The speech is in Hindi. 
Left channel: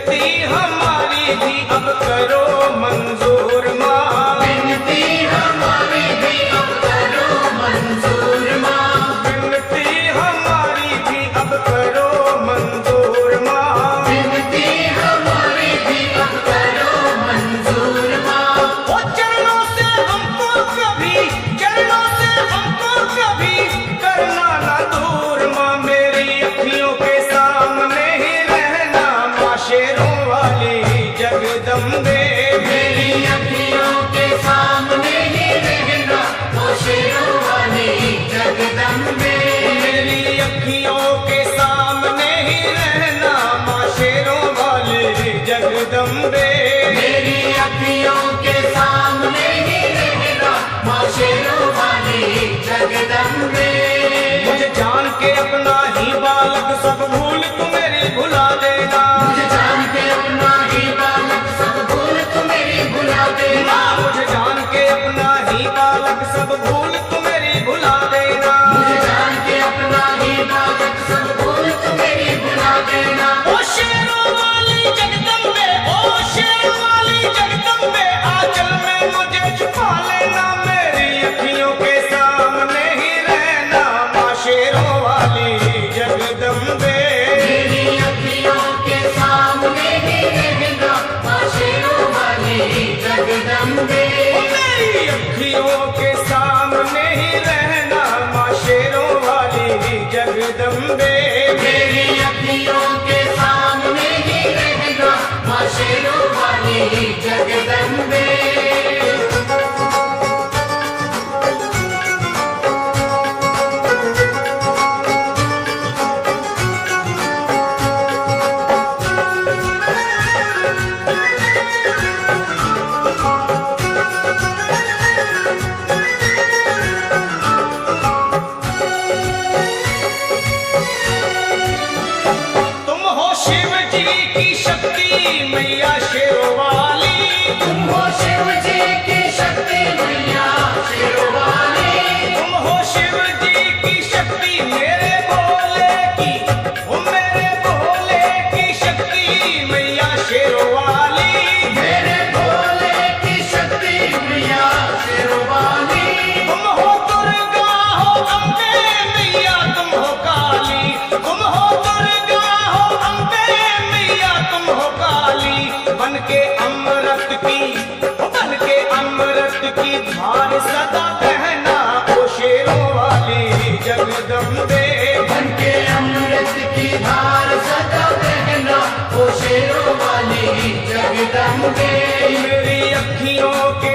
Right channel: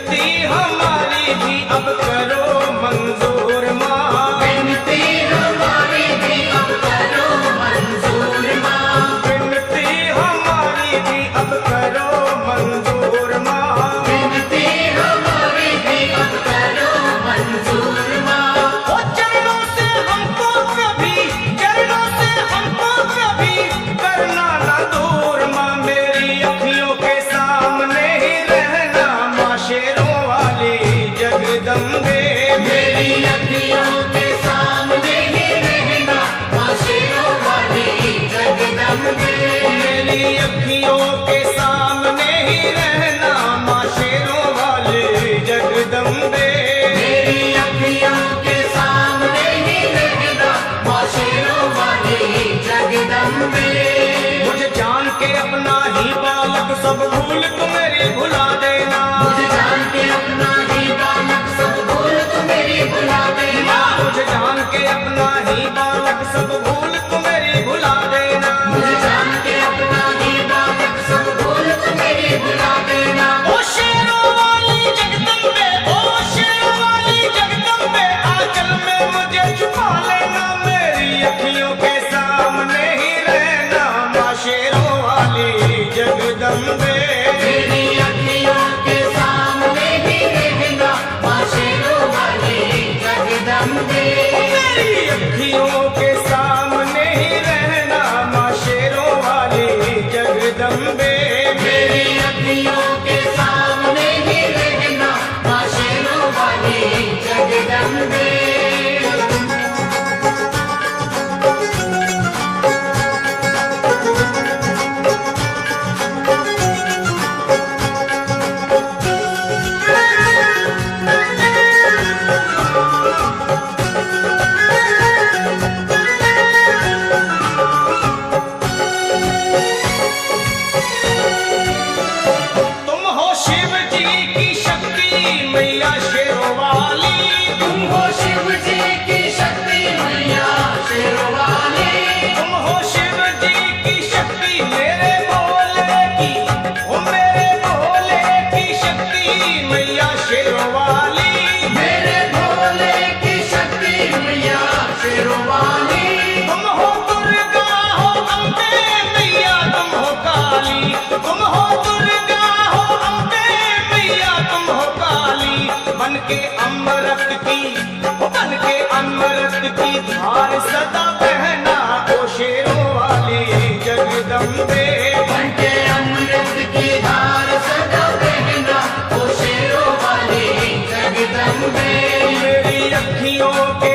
विनती हमारी भी अब करो मंजूर माँ, विनती हमारी भी अब करो मंजूर माँ, विनती हमारी भी अब करो मंजूर माँ, विनती हमारी भी अब करो मंजूर माँ। ओ चरणों से हमको कभी, चरणों से हमको कभी करना ना दूर माँ, मेरी अखियों के सामने ही रहना माँ शेरों वाली जगदम्बे, मेरी अखियों के सामने ही रहना माँ शेरों वाली जगदम्बे, मेरी अखियों के सामने ही रहना माँ शेरों वाली जगदम्बे, मेरी अखियों के सामने ही रहना माँ शेरों वाली जगदम्बे। मुझे जान के अपना ही बालक सब भूल तू मेरी भुला देना, मुझे जान के अपना ही बालक सब भूल तू मेरी भुला देना, मुझे जान के अपना ही बालक सब भूल तू मेरी भुला देना, मुझे जान के अपना ही बालक सब भूल तू मेरी भुला देना। ओ शेरों वाली जगदम्बे, ओ शेरों वाली जगदम्बे, आंचल में मुझे छुपा लेना, मेरी अखियों के सामने ही रहना माँ शेरों वाली जगदम्बे, मेरी अखियों के सामने ही रहना माँ शेरों वाली जगदम्बे, मेरी अखियों के सामने ही रहना माँ शेरों वाली जगदम्बे, मेरी अखियों के सामने ही रहना माँ शेरों वाली जगदम्बे। तुम हो शिव जी की शक्ति मैया शेरों वाली, तुम हो शिव जी की शक्ति मैया शेरों वाली, तुम हो शिव जी की शक्ति मेरे भोले की, ओ मेरे भोले की शक्ति मैया शेरों वाली, मेरे भोले की शक्ति मैया शेरों वाली, तुम हो दुर्गा हो अम्बे मैया तुम हो काली, तुम हो दुर्गा हो अम्बे मैया तुम हो काली, बन के अमृत की, बन के अमृत की धार सदा बहना ओ शेरों वाली जगदम्बे, बनके अमृत की धार सदा बहना ओ शेरों वाली जगदम्बे, मेरी अखियों के